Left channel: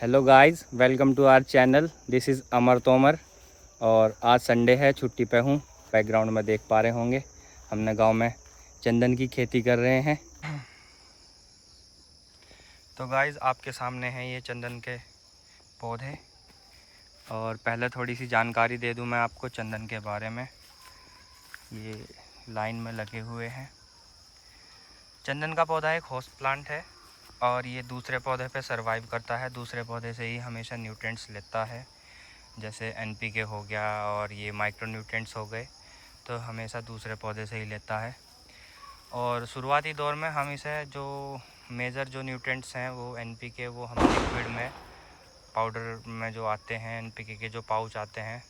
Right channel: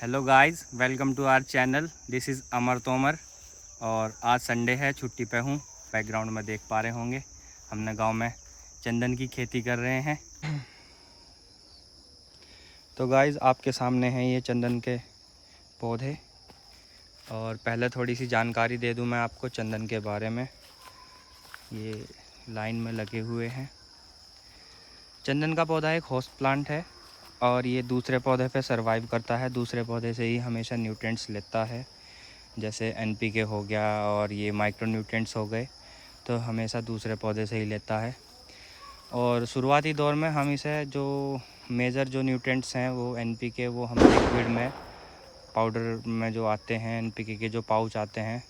Hello guys, welcome to our channel. This is Amar Tomar और आज Sunday है, छुट्टी पे हूँ। बैकग्राउंड में देख पा रहे होंगे हमने गांव में चंदन की खेती कर रहे हैं। तो गाइस आपके सामने हैं ये चंदन के पौधे। और पहले थोड़ी सी जानकारी दे दूं मैं आपको चंदन के बारे में। ये लाइन में लगे हुए हैं। चंदन का पौधा एक होस्ट प्लांट है और ये दूसरे पौधे पे सरवाइव करता है। दूसरे पौधे से ही हमेशा न्यूट्रिएंट्स लेता है, जैसे एनपीके हो गया और ये माइक्रो न्यूट्रिएंट्स हो गए, तो हमेशा दूसरे पौधे से ही लेता है। और शुरुआती दौर में हम इसे जो मेजर जो न्यूट्रिएंट्स हैं वो एनपीके, वो हम लिक्विड में पाउडर में जो आते हैं, एनपीके के जो पाउच आते हैं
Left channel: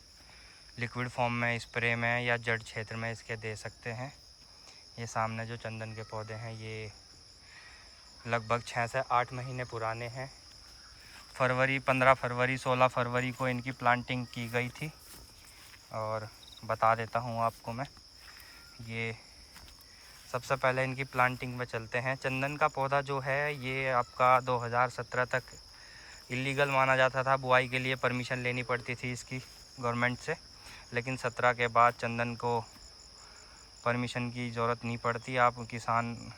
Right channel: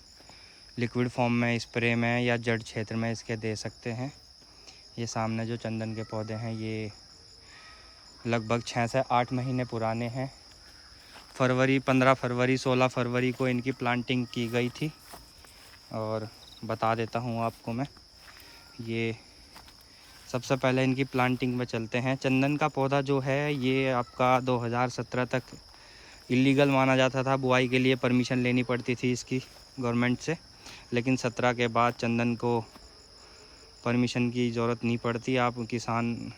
लिक्विड फॉर्म में, स्प्रे में या जड़ क्षेत्र में इसके दे सकते हैं। ये सामने जो चंदन के पौधे हैं ये लगभग 6 से 8 महीने पुराने हैं। 15 फरवरी 16 फरवरी को इनकी प्लांटिंग की गई थी। और बता देता हूँ आपको मैं, ये सबसे पहले इनकी प्लांटिंग में चलते हैं। चंदन का पौधा जो है ये आपका 2017 तक इलीगल माना जाता था। बुआई के लिए परमिशन लेनी पड़ती थी इसकी गवर्नमेंट से, लेकिन 17 के बाद चंदन को परमिशन की ज़रूरत नहीं पड़ती। आप किसान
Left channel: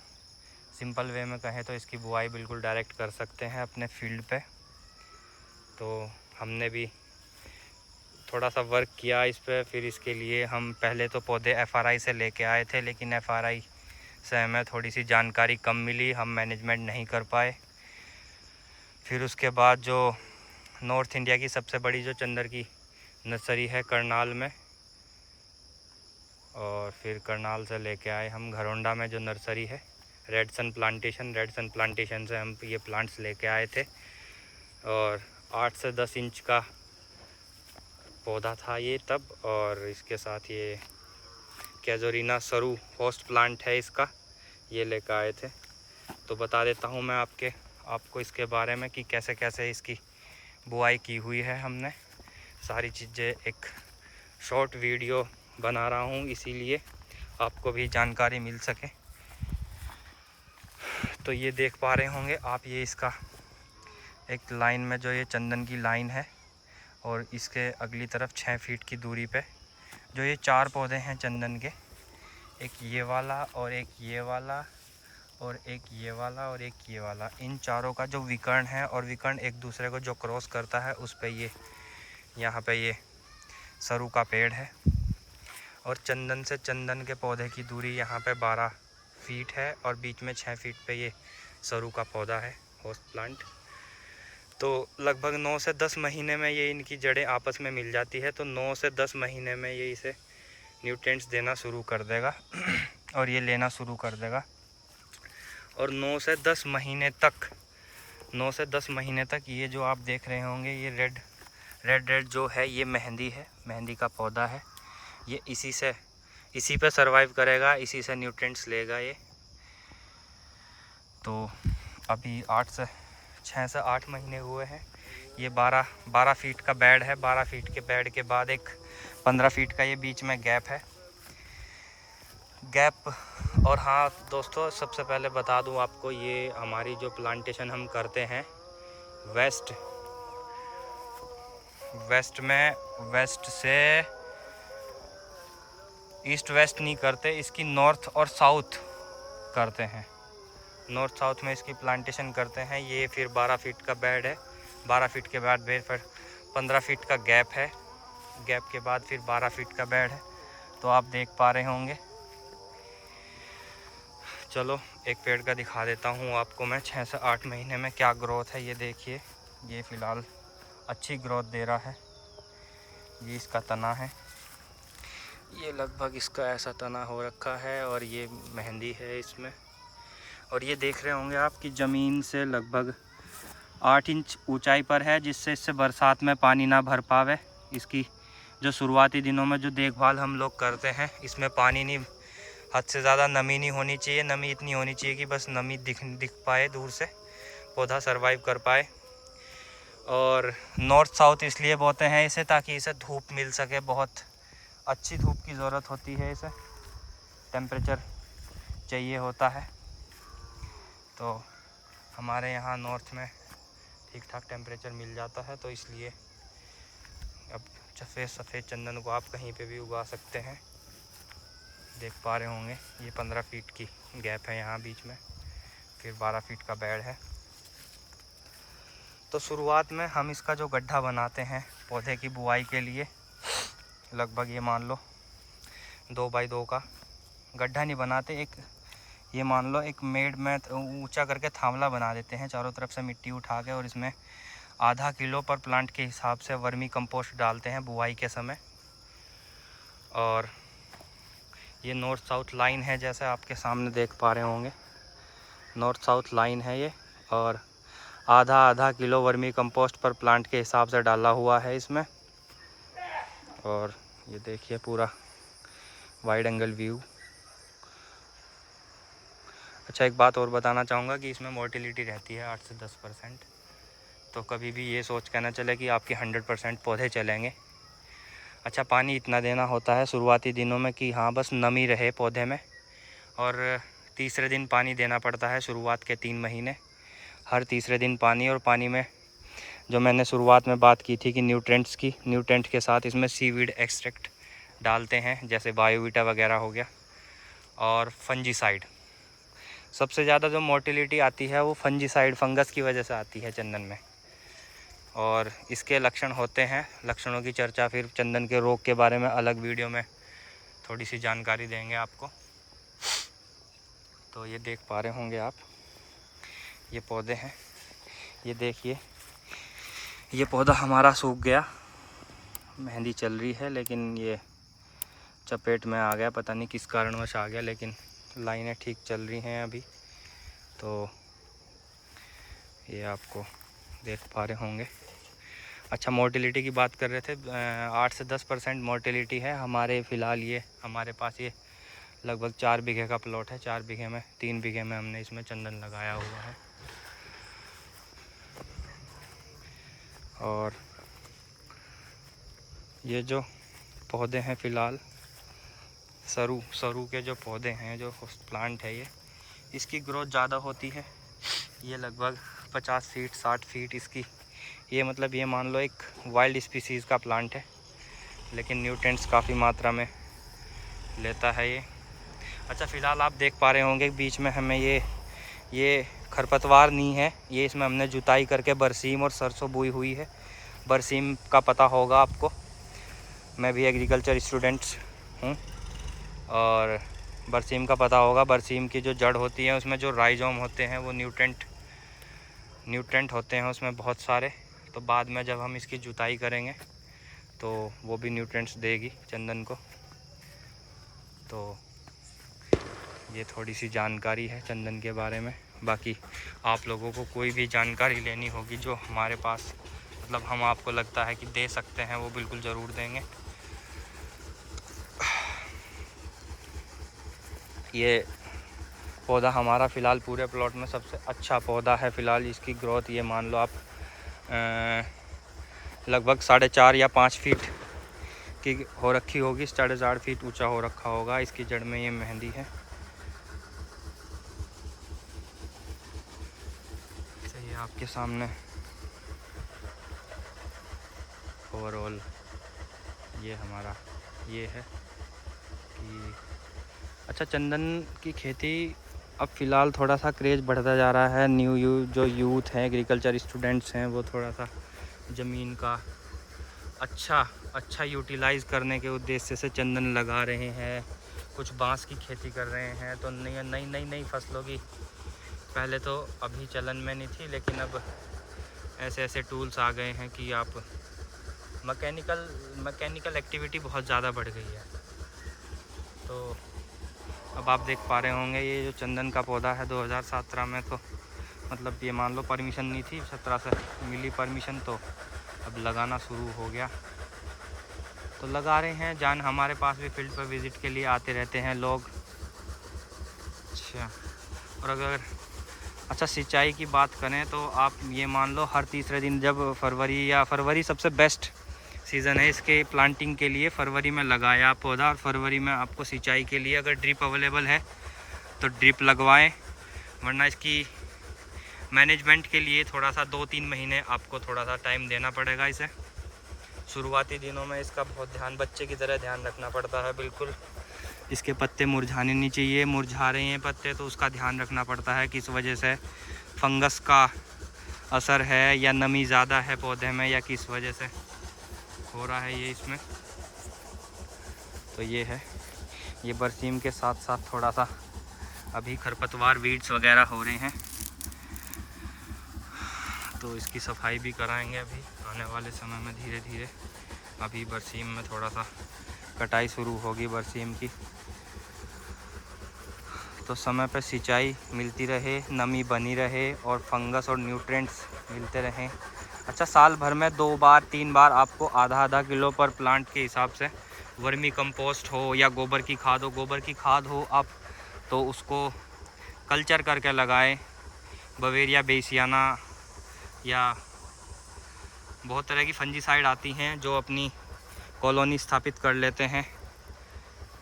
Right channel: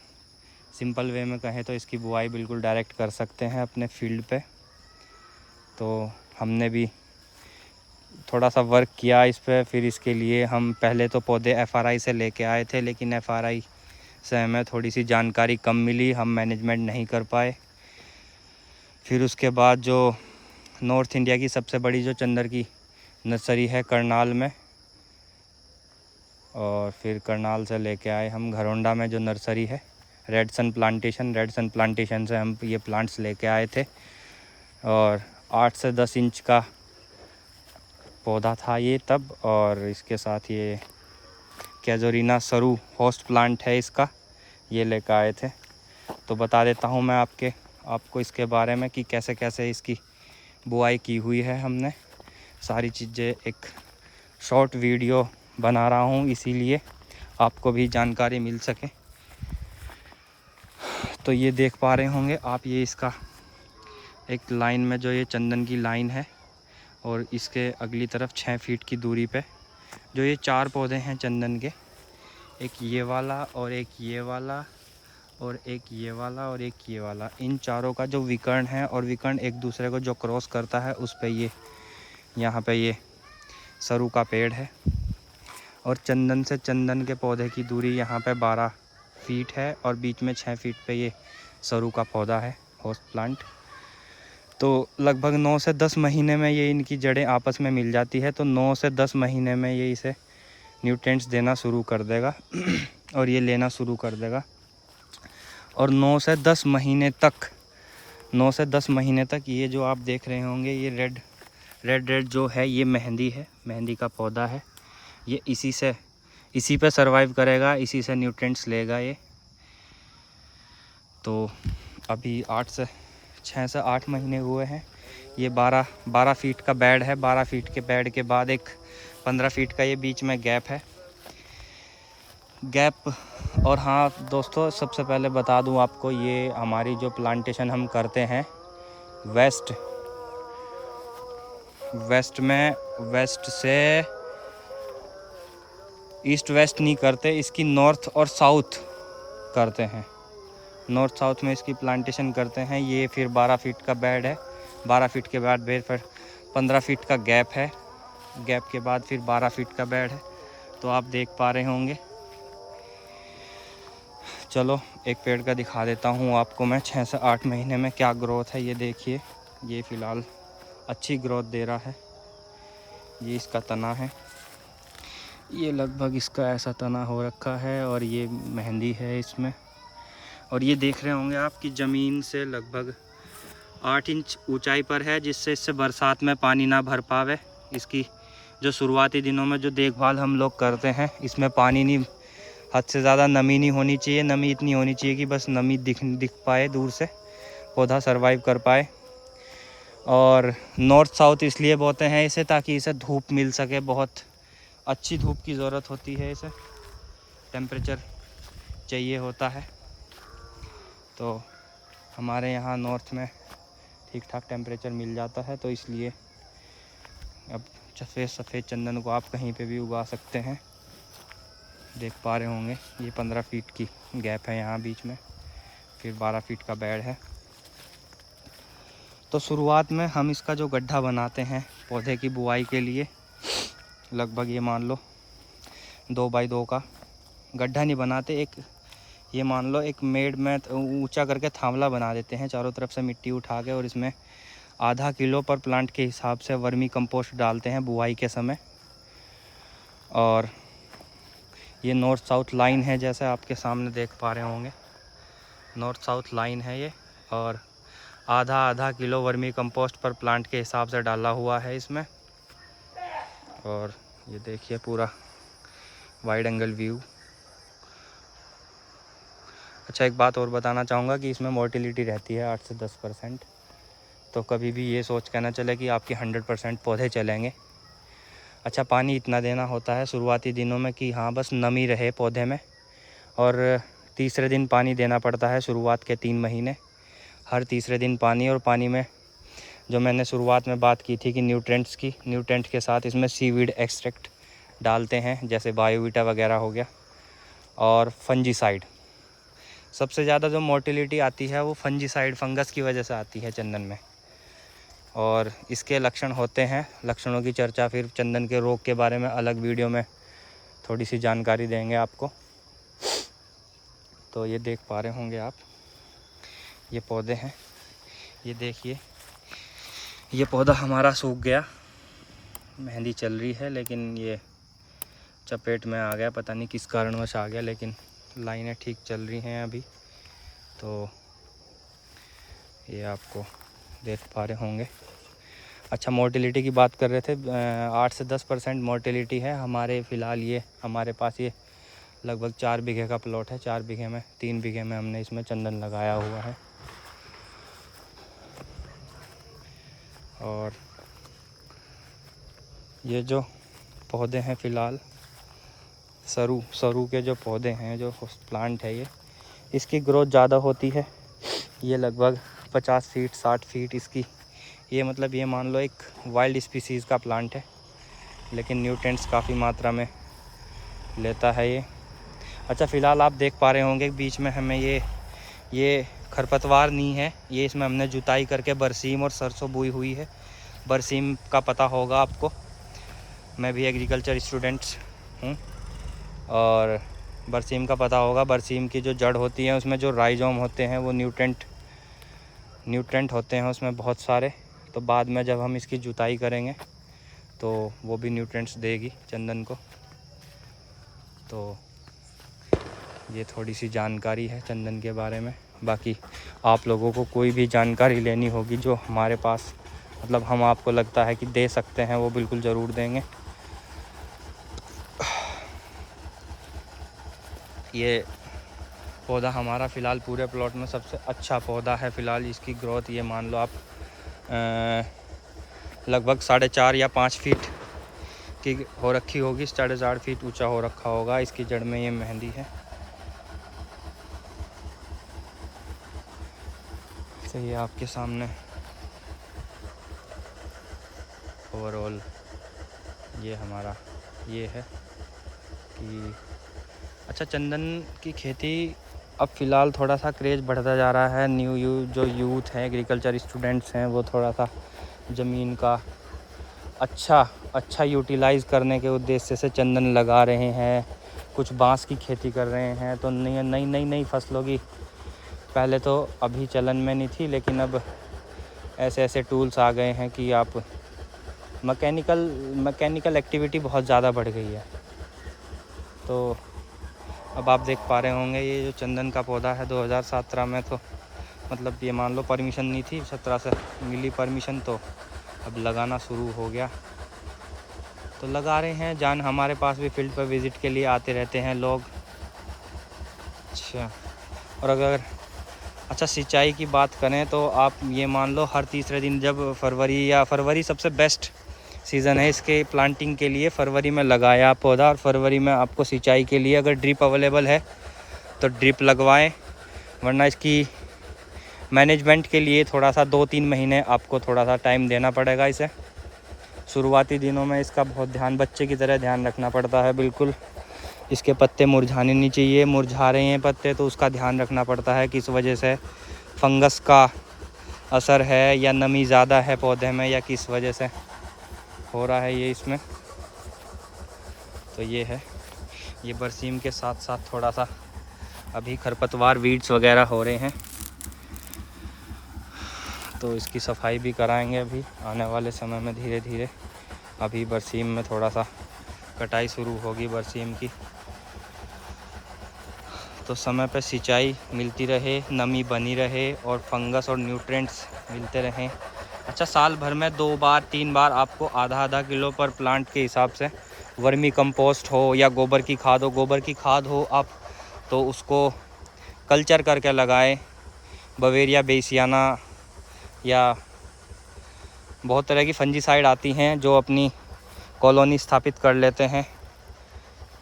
सिंपल वे में कहें तो इसकी बुआई बिल्कुल डायरेक्ट कर सकते हैं अपने फील्ड पे। तो हमने भी थोड़ा सा वर्क किया इस पर। फिर इसके लिए हम पहले तो पौधे एफआरआई से लेके आए थे, लेकिन एफआरआई से हमें थोड़ी सी जानकारी कम मिली, हम मैनेजमेंट नहीं कर पाए। फिर उसके बाद जो नॉर्थ इंडिया की सबसे बड़ी जो चंदन की नर्सरी है करनाल में, और फिर करनाल से लेके आए हम घरौंडा में जो नर्सरी है रेड सन प्लांटेशन से हम ये प्लांट्स लेके आए थे। और 8 से 10 इंच का पौधा था ये तब। और इसके साथ ये कैजोरिना सरू होस्ट प्लांट है इसका, ये लेकर आए थे। तो बता देता हूँ मैं आपको इसके बारे में कि कैसे कैसे इसकी बुआई की हुई है हमने। सारी चीज़ें एक शॉर्ट वीडियो बना रहा हूँ, इसीलिए आपको भी जानकारी मिल सके। तो ये देख पा रहे होंगे आप, ये इसका एक लाइन में जो ये चंदन की लाइन है, और इसके अगली तरफ 6 फीट की दूरी पे जो ये 4 पौधे हैं चंदन के, एक ये वाला और एक ये वाला और एक ये वाला और एक ये वाला, इन चारों का जो विकर्ण है और विकर्ण एक दूसरे को जो क्रॉस करता है उस पे ये यहाँ पे ये सरू का पेड़ है। और चंदन से चंदन के पौधे की दूरी यहाँ पे 12 फीट है और बीच में 6 फीट पे ये सरू का पौधा है, होस्ट प्लांट। तो लगभग 9 से 10 महीने में ये इनकी जड़ें आपस में मिल जाती है। तो 9 से 10 महीने में ये इसे न्यूट्रिएंट्स देना शुरू कर देगा और ये लेना शुरू कर देगा। और 9 से 10 महीने तक ये जो आप देख रहे होंगे ये रेड जो है ये मेहंदी है, मेहंदी का पौधा है। ये इसी पे सरवाइव करेगा, इसी से न्यूट्रिएंट्स लेगा ये। तो अभी 6 से 8 महीने हुए हैं। ये 12 फीट का बेड है। 12 फीट के बेड के बाद एक 15 फीट का ये बीच में गैप है। और हाँ दोस्तों, सबसे पहले बता दूं आपको, ये हमारी जो प्लांटेशन हम करते हैं वेस्ट से ईस्ट वेस्ट नहीं करते, इसकी नॉर्थ और साउथ करते हैं। नॉर्थ साउथ में इसकी प्लांटेशन करते हैं। ये फिर 12 फीट का बेड है। 12 फीट के बाद फिर 15 फीट का गैप है। गैप के बाद फिर 12 फीट का बेड है। तो आप देख पा रहे होंगे। चलो एक पेड़ का दिखा देता हूँ आपको मैं, 6 से 8 महीने में क्या ग्रोथ है। ये देखिए, ये फ़िलहाल अच्छी ग्रोथ दे रहा है। ये इसका तना है, ये लगभग इसका ऐसा तना हो रखा है और ये मेहंदी है इसमें। और ये देख रहे होंगे आप कि ज़मीन से लगभग 8 इंच ऊंचाई पर है, जिससे इससे बरसात में पानी ना भर पावे। इसकी जो शुरुआती दिनों में जो देखभाल हम लोग करते हैं, इसमें पानी नहीं, हद से ज़्यादा नमी नहीं होनी चाहिए। नमी इतनी होनी चाहिए कि बस नमी दिख पाए, दूर से पौधा सरवाइव कर पाए। और नॉर्थ साउथ इसलिए बोते हैं इसे ताकि इसे धूप मिल सके। बहुत अच्छी धूप की ज़रूरत होती है, इसे टेम्परेचर चाहिए होता है। तो हमारे यहाँ नॉर्थ में ठीक ठाक टेम्परेचर मिल जाता है, तो इसलिए अब सफ़ेद चंदन को आप कहीं पे भी उगा सकते हैं। देख पा रहे होंगे ये 15 फीट की गैप है यहाँ बीच में, फिर 12 फीट का बेड है। तो शुरुआत में हम इसका जो गड्ढा बनाते हैं पौधे की बुआई के लिए, लगभग ये मान लो 2 बाई 2 का गड्ढा नहीं बनाते, एक ये मान लो एक मेड में ऊंचा करके थामला बना देते हैं, चारों तरफ से मिट्टी उठा के, और इसमें आधा किलो पर प्लांट के हिसाब से वर्मी कंपोस्ट डालते हैं बुआई के समय। और ये नॉर्थ साउथ लाइन है, जैसे आपके सामने देख पा रहे होंगे, नॉर्थ साउथ लाइन है ये, और आधा किलो वर्मी कंपोस्ट पर प्लांट के हिसाब से डाला हुआ है इसमें। और ये देखिए पूरा वाइड एंगल व्यू। अच्छा, एक बात और बताना चाहूँगा कि इसमें मोर्टिलिटी रहती है 8 से 10%, तो कभी भी ये सोच के ना चले कि आपके 100% पौधे चलेंगे। अच्छा, पानी इतना देना होता है शुरुआती दिनों में कि हाँ बस नमी रहे पौधे में, और तीसरे दिन पानी देना पड़ता है शुरुआत के 3 महीने, हर तीसरे दिन पानी। और पानी में जो मैंने शुरुआत में बात की थी कि न्यूट्रेंट्स की, न्यूट्रेंट के साथ इसमें सीवीड एक्सट्रैक्ट डालते हैं, जैसे बायोवीटा वगैरह हो गया, और फंजीसाइड। सबसे ज़्यादा जो मोर्टिलिटी आती है वो फंजीसाइड, फंगस की वजह से आती है चंदन में। और इसके लक्षण होते हैं, लक्षणों की चर्चा फिर चंदन के रोग के बारे में अलग वीडियो में थोड़ी सी जानकारी देंगे आपको। तो ये देख पा रहे होंगे आप, ये पौधे हैं, ये देखिए ये पौधा हमारा सूख गया, मेहंदी चल रही है लेकिन ये चपेट में आ गया, पता नहीं किस कारणवश आ गया, लेकिन लाइनें ठीक चल रही हैं अभी। तो ये आपको देख पा रहे होंगे। अच्छा, मोर्टिलिटी की बात कर रहे थे, 8 से 10% मोर्टिलिटी है हमारे फ़िलहाल। ये हमारे पास ये लगभग 4 बीघे का प्लॉट है, 4 बीघे में 3 बीघे में हमने इसमें चंदन लगाया हुआ है। और ये जो पौधे हैं फ़िलहाल, सरू के जो पौधे हैं, जो प्लांट है ये, इसकी ग्रोथ ज़्यादा होती है। ये लगभग 50 फीट 60 फीट इसकी, ये मतलब ये मान लो एक वाइल्ड स्पीसीज़ का प्लांट है, लेकिन न्यूट्रिएंट्स काफ़ी मात्रा में लेता है ये। अच्छा, फ़िलहाल आप देख पा रहे होंगे बीच में हमें ये खरपतवार नहीं है, ये इसमें हमने जुताई करके बरसीम और सरसों बोई हुई है। बरसीम का पता होगा आपको, मैं भी एग्रीकल्चर स्टूडेंट हूँ, और बरसीम का पता होगा। बरसीम की जो जड़ होती है उसमें जो राइजोम होते हैं वो न्यूट्रेंट होते हैं उसमें बहुत सारे। तो बाद में जब हम इसकी जुताई करेंगे तो वो भी न्यूट्रेंट्स देगी चंदन को। तो ये थोड़ी सी जानकारी है चंदन के बारे में। बाकी आप लोगों को कोई भी जानकारी लेनी होगी जो हमारे पास, मतलब हम आपको लगता है कि दे सकते हैं, वो बिल्कुल ज़रूर देंगे। ये पौधा हमारा फ़िलहाल पूरे प्लॉट में सबसे अच्छा पौधा है फ़िलहाल। इसकी ग्रोथ ये मान लो आप लगभग 4.5 या 5 फीट की हो रखी होगी, 4.5 फीट ऊंचा हो रखा होगा। इसकी जड़ में ये मेहंदी है। ये आपके सामने ओवरऑल ये हमारा ये है कि अच्छा, चंदन की खेती अब फ़िलहाल थोड़ा सा क्रेज़ बढ़ता जा रहा है। जो यूथ हैं, एग्रीकल्चर स्टूडेंट्स हैं, वो थोड़ा सा ज़मीन का अच्छा यूटिलाइज़ करने के उद्देश्य से चंदन लगा रहे हैं। कुछ बांस की खेती कर रहे हैं। तो नई फसलों की पहले तो अभी चलन में नहीं थी, लेकिन अब ऐसे टूल्स आ गए हैं कि आप मैकेनिकल एक्टिविटी बहुत ज़्यादा बढ़ गई है। तो अब आप देख पा रहे होंगे ये जो चंदन का पौधा है, 2017 में तो मतलब ये मान लो परमिशन नहीं थी, 17 से मिली परमिशन, तो अब लगाना शुरू हो गया। तो लगा रहे हैं। हमारे पास भी फील्ड पर विज़िट के लिए आते रहते हैं लोग। अच्छा, और अगर सिंचाई की बात करें तो आप ये मान लो हर तीसरे दिन, जब फरवरी सबसे बेस्ट सीज़न है इसके प्लांटिंग के लिए। फरवरी में लगाया पौधा, और फरवरी में आपको सिंचाई के लिए अगर ड्रिप अवेलेबल है तो ड्रिप लगवाएं, वरना इसकी मैनेजमेंट के लिए थोड़ा सा 2-3 महीने आपको थोड़ा सा टाइम देना पड़ेगा इसे। शुरुआती दिनों में इसका बहुत ध्यान, बच्चे की तरह ध्यान रखना पड़ता है। बिल्कुल इसके पत्ते मुरझाने नहीं चाहिए, मुरझा रहे हैं पत्ते तो उसका ध्यान रखना पड़ता है, किस वजह से फंगस का असर है या नमी ज़्यादा है पौधे में या किस वजह से हो रहा है ये इसमें। तो ये है, ये बरसीम के साथ साथ थोड़ा सा अभी खरपतवार वीड्स वगैरह हो रहे हैं, तो इसकी सफाई भी कराएंगे अभी आने वाले समय में धीरे धीरे। अभी बरसीम में थोड़ा सा कटाई शुरू होगी बरसीम की, तो समय पर सिंचाई मिलती रहे, नमी बनी रहे और फंगस और न्यूट्रिएंट्स मिलते रहें। अच्छा, साल भर में 2 बार 3 बार आपको आधा किलो पर प्लांट के हिसाब से वर्मी कंपोस्ट हो या गोबर की खाद हो, गोबर की खाद हो आप तो उसको कल्चर करके लगाएं। बवेरिया बेसियाना या बहुत तरह की फंजीसाइड आती हैं जो अपनी कॉलोनी स्थापित कर लेते हैं।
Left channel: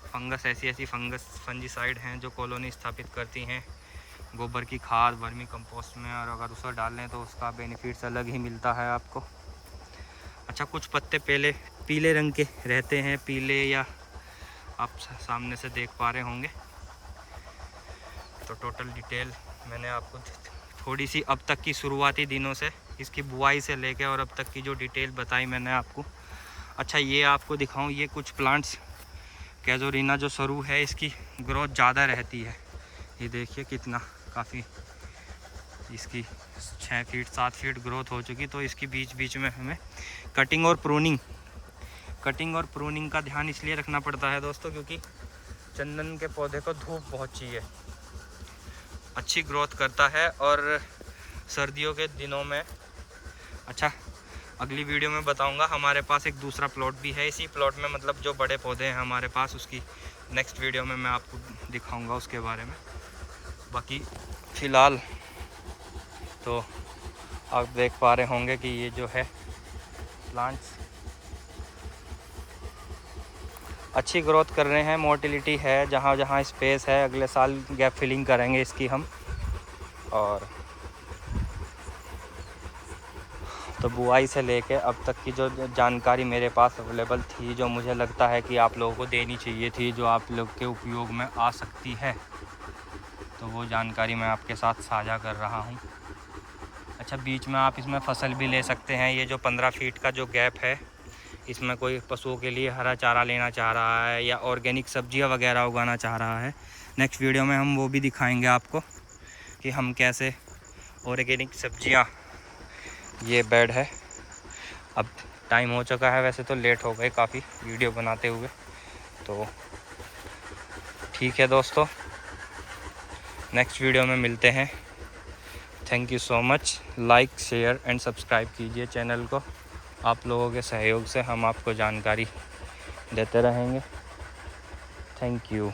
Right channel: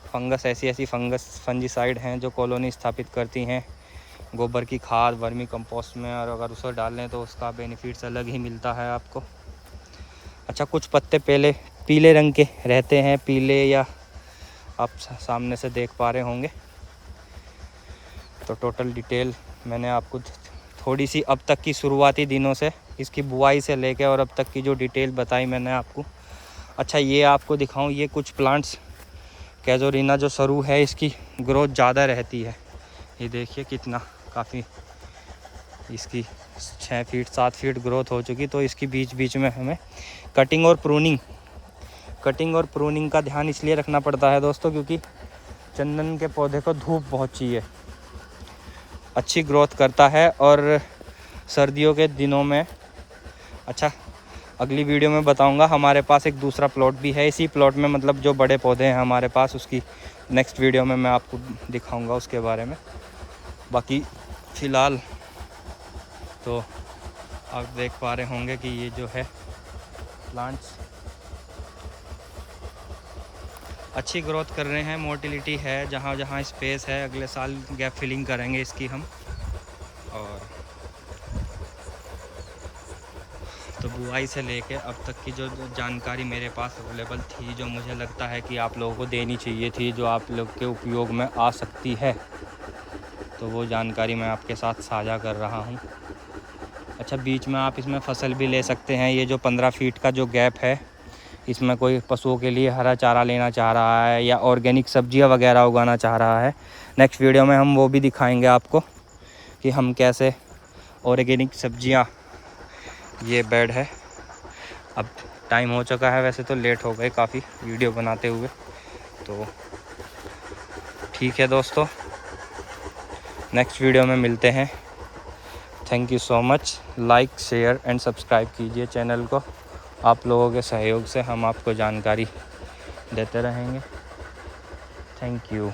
फंगस ऐसी फंजीसाइड हैं जो कॉलोनी स्थापित करती हैं गोबर की खाद वर्मी कंपोस्ट में, और अगर उसे डाल लें तो उसका बेनिफिट्स अलग ही मिलता है आपको। अच्छा, कुछ पत्ते पहले पीले रंग के रहते हैं, पीले या आप सामने से देख पा रहे होंगे। तो टोटल डिटेल मैंने आपको थोड़ी सी अब तक की शुरुआती दिनों से इसकी बुआई से लेके और अब तक की जो डिटेल बताई मैंने आपको। अच्छा, ये आपको दिखाऊं, ये कुछ प्लांट्स कैज़ोरिना जो सरू है इसकी ग्रोथ ज़्यादा रहती है। ये देखिए कितना, काफ़ी इसकी 6 फीट 7 फीट ग्रोथ हो चुकी। तो इसकी बीच बीच में हमें कटिंग और प्रूनिंग का ध्यान इसलिए रखना पड़ता है दोस्तों, क्योंकि चंदन के पौधे को धूप बहुत चाहिए, अच्छी ग्रोथ करता है। और सर्दियों के दिनों में, अच्छा अगली वीडियो में बताऊंगा, हमारे पास एक दूसरा प्लॉट भी है इसी प्लॉट में, मतलब जो बड़े पौधे हैं हमारे पास, उसकी नेक्स्ट वीडियो में मैं आपको दिखाऊंगा उसके बारे में। बाकी फ़िलहाल तो आप देख पा रहे होंगे कि ये जो है प्लांट्स अच्छी ग्रोथ कर रहे हैं, मोटिलिटी है, जहाँ जहाँ स्पेस है अगले साल गैप फिलिंग करेंगे इसकी हम। और तो बुआई से लेके अब तक की जो जानकारी मेरे पास अवेलेबल थी, जो मुझे लगता है कि आप लोगों को देनी चाहिए थी, जो आप लोग के उपयोग में आ सकती है, तो वो जानकारी मैं आपके साथ साझा कर रहा हूँ। अच्छा, बीच में आप इसमें फसल भी ले सकते हैं। ये जो 15 फीट का जो गैप है, इसमें कोई पशुओं के लिए हरा चारा लेना चाह रहा है या ऑर्गेनिक सब्जियां वगैरह उगाना चाह रहा है, नेक्स्ट वीडियो में हम वो भी दिखाएंगे आपको कि हम कैसे ऑर्गेनिक सब्जियां। ये बेड है, अब टाइम हो चुका है, वैसे तो लेट हो गए काफ़ी वीडियो बनाते हुए, तो ठीक है दोस्तों, नेक्स्ट वीडियो में मिलते हैं। Thank you so much. Like share and subscribe कीजिए चैनल को। आप लोगों के सहयोग से हम आपको जानकारी देते रहेंगे। Thank you.